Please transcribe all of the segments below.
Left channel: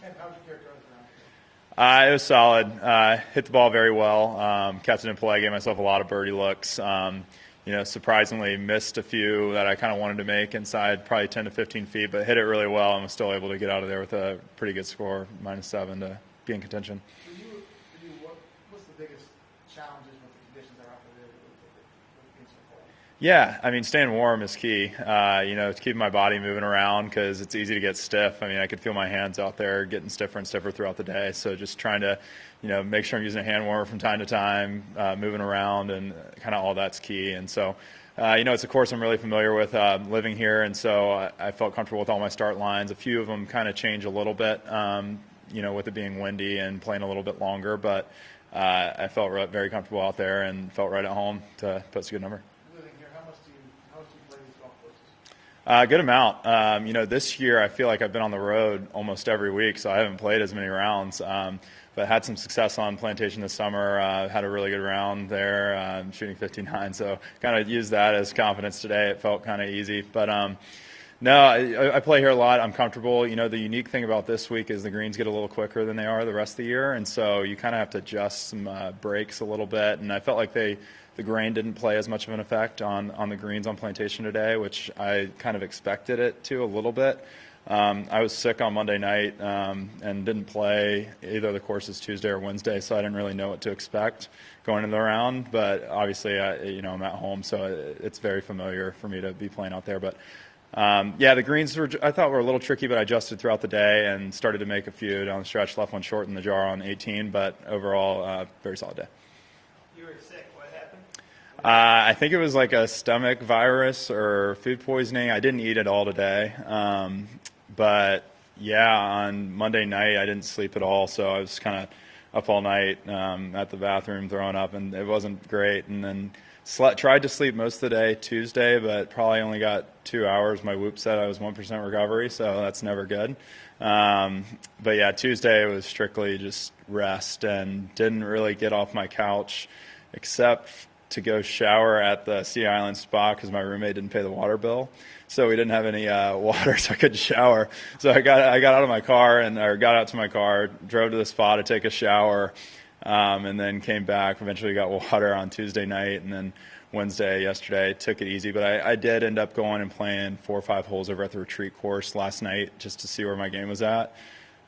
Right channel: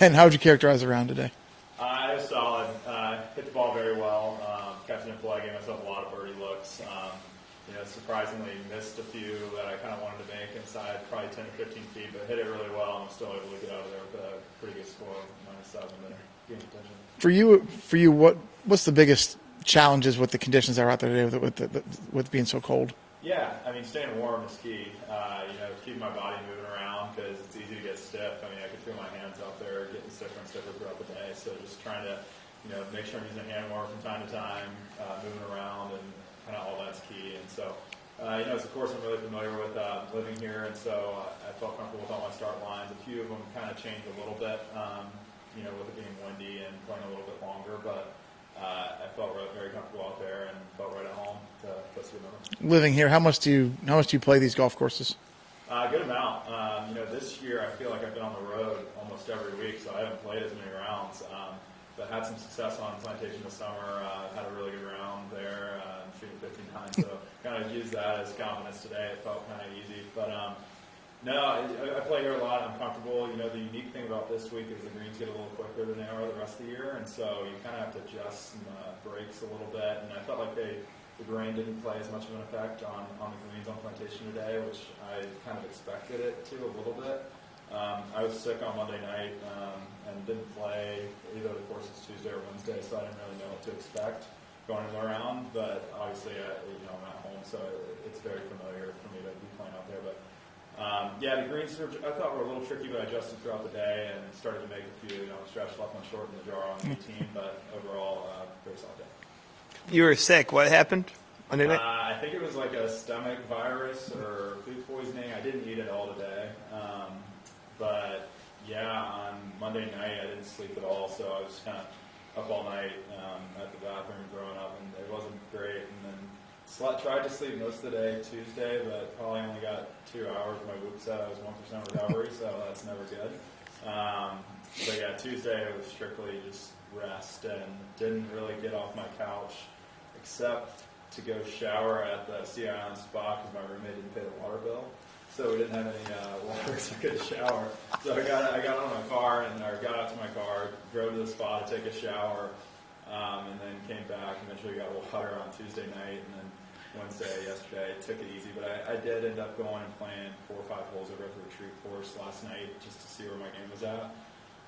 Ben, how would you characterize the round today? It was solid. Hit the ball very well. Kept it in play. Gave myself a lot of birdie looks. Surprisingly missed a few that I kind of wanted to make inside probably 10 to 15 feet, but hit it really well and was still able to get out of there with a pretty good score, -7 to be in contention. For you, what's the biggest challenges with the conditions that are out there today with being so cold? Yeah, I mean, staying warm is key. To keep my body moving around because it's easy to get stiff. I mean, I could feel my hands out there getting stiffer and stiffer throughout the day. So just trying to, make sure I'm using a hand warmer from time to time, moving around, and kind of all that's key. And so, it's a course I'm really familiar with living here, and so I felt comfortable with all my start lines. A few of them kind of change a little bit, with it being windy and playing a little bit longer, but I felt very comfortable out there and felt right at home to put a good number. Living here, how much do you play these golf courses? Good amount. This year I feel like I've been on the road almost every week, so I haven't played as many rounds. But had some success on Plantation this summer. Had a really good round there, shooting 59. So kind of used that as confidence today. It felt kind of easy, but. No, I play here a lot. I'm comfortable. The unique thing about this week is the greens get a little quicker than they are the rest of the year, and so you kind of have to adjust some breaks a little bit. And I felt like the grain didn't play as much of an effect on the greens on Plantation today, which I kind of expected it to a little bit. I was sick on Monday night and didn't play either of the courses Tuesday or Wednesday, so I didn't really know what to expect going into the round. But obviously, I'm at home, so it's very familiar for me to be playing out there. But the greens I thought were a little tricky, but I adjusted throughout the day and started to make a few down the stretch. Left one short in the jar on 18, but overall, very solid day. You were sick. What happened? I think it was like a stomach virus or food poisoning. I didn't eat at all today. But on Monday night, I didn't sleep at all, so I was kind of up all night at the bathroom throwing up, and it wasn't great. And then tried to sleep most of the day Tuesday, but probably only got 2 hours. My Whoop said I was 1% recovery, so that's never good. Tuesday it was strictly just rest and didn't really get off my couch except to go shower at the Sea Island spa because my roommate didn't pay the water bill. So we didn't have any water, so I couldn't shower. So I got out of my car got out to my car, drove to the spa to take a shower, and then came back. Eventually got water on Tuesday night, and then Wednesday, yesterday, took it easy. But I did end up going and playing 4 or 5 holes over at the retreat course last night just to see where my game was at.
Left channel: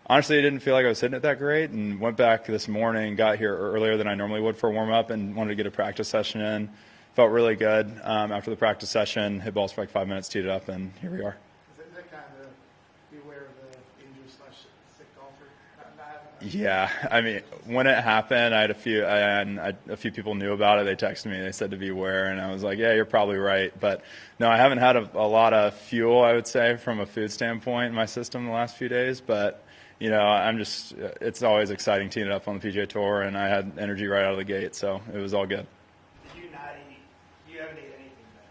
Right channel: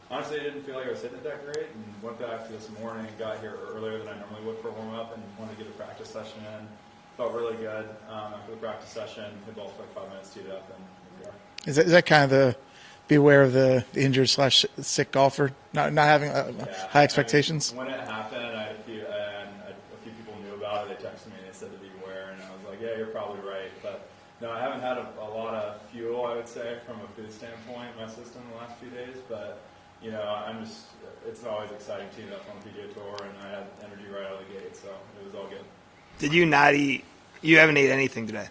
Honestly, I didn't feel like I was hitting it that great, and went back this morning, got here earlier than I normally would for a warm-up, and wanted to get a practice session in. Felt really good after the practice session, hit balls for like 5 minutes, teed it up, and here we are. Is that kind of the beware of the injured/sick golfer, not having high expectations? When it happened, I had a few people knew about it. They texted me. They said to beware, and I was like, yeah, you're probably right. But no, I haven't had a lot of fuel, I would say, from a food standpoint in my system the last few days. But it's always exciting teeing it up on the PGA Tour, and I had energy right out of the gate, so it was all good. Did you not eat? You haven't ate anything today?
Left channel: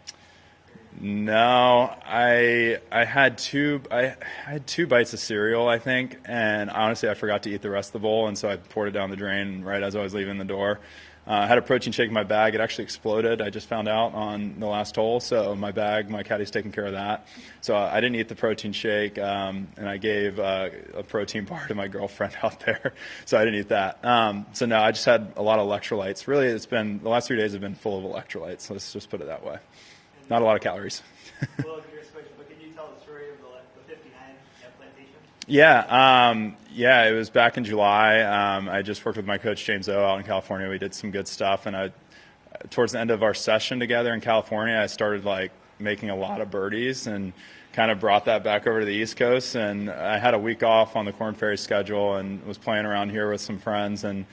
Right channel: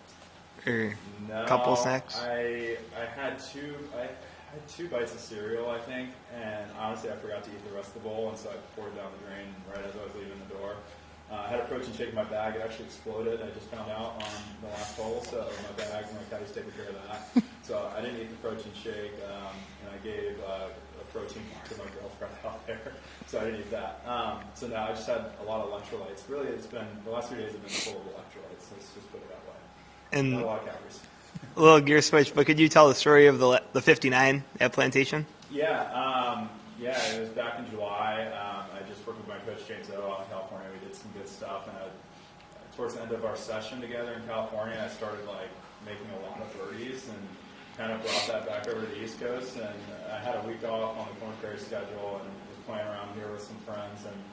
No, I had two bites of cereal, I think, and honestly I forgot to eat the rest of the bowl, and so I poured it down the drain right as I was leaving the door. I had a protein shake in my bag. It actually exploded. I just found out on the last hole, so my caddy's taking care of that. So I didn't eat the protein shake, and I gave a protein bar to my girlfriend out there, so I didn't eat that. So no, I just had a lot of electrolytes. Really, the last 3 days have been full of electrolytes. Let's just put it that way. And not a lot of calories. A little gear switch, but could you tell the story of the 59 at Plantation? Yeah, it was back in July. I just worked with my coach James O out in California. We did some good stuff, and towards the end of our session together in California, I started making a lot of birdies and kind of brought that back over to the East Coast. And I had a week off on the Corn Ferry schedule and was playing around here with some friends and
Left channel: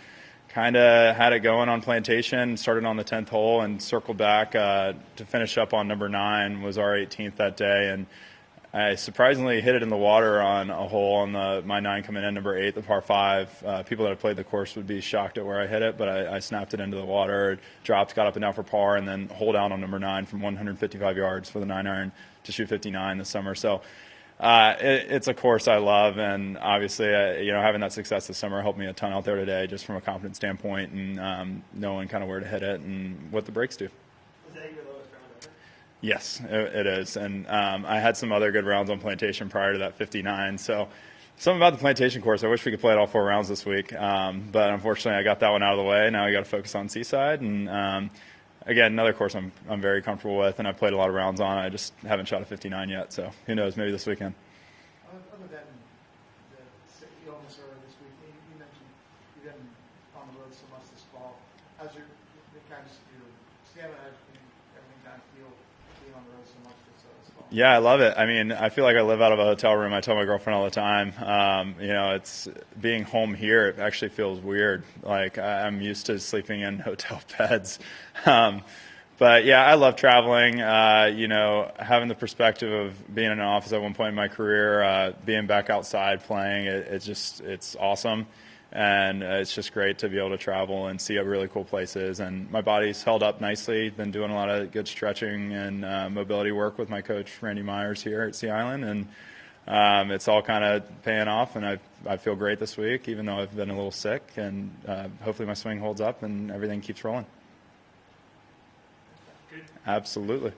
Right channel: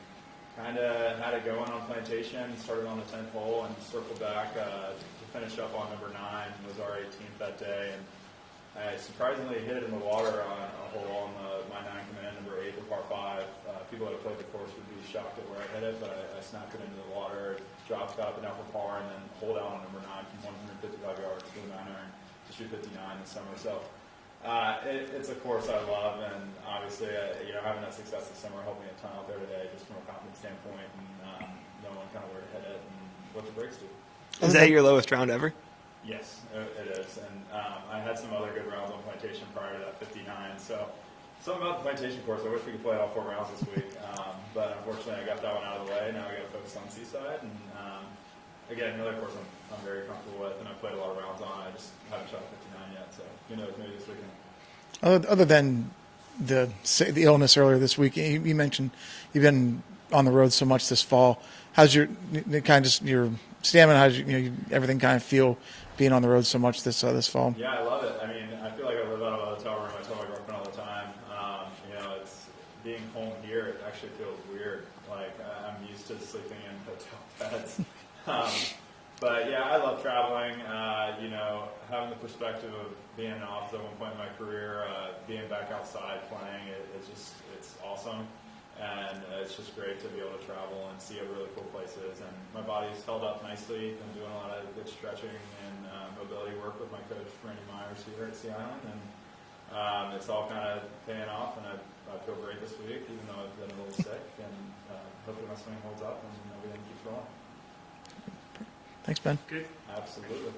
kind of had it going on Plantation. Started on the 10th hole and circled back to finish up on number 9. Was our 18th that day, and I surprisingly hit it in the water on a hole on my 9 coming in, number 8, the par 5. People that have played the course would be shocked at where I hit it, but I snapped it into the water, dropped, got up and down for par, and then hole down on number 9 from 155 yards for the 9-iron to shoot 59 this summer. So it's a course I love, and obviously, having that success this summer helped me a ton out there today, just from a confidence standpoint and knowing kind of where to hit it and what the breaks do. Is that your lowest round ever? Yes, it is, and I had some other good rounds on Plantation prior to that 59, so Something about the plantation course. I wish we could play it all 4 rounds this week, but unfortunately, I got that one out of the way. Now we got to focus on Seaside, and again, another course I'm very comfortable with, and I've played a lot of rounds on. I just haven't shot a 59 yet, so who knows? Maybe this weekend. Other than the illness earlier this week, you mentioned you've been on the road so much this fall. How's your your stamina? How's everything kind of feel being on the road so much this fall? Yeah, I love it. I mean, I feel like I live out of a hotel room. I tell my girlfriend all the time. It's being home here. It actually feels weird. Like I'm used to sleeping in hotel beds. But yeah, I love traveling. Having the perspective of being in an office at one point in my career, being back outside playing, it's awesome. And it's just great to be able to travel and see really cool places. And my body's held up nicely. Been doing a lot of good stretching and mobility work with my coach, Randy Myers, here at Sea Island. And it's all kind of paying off. And I feel great this week, even though I've been a little sick. And hopefully my swing holds up and everything keeps rolling. Thanks, Ben. Good. Absolutely.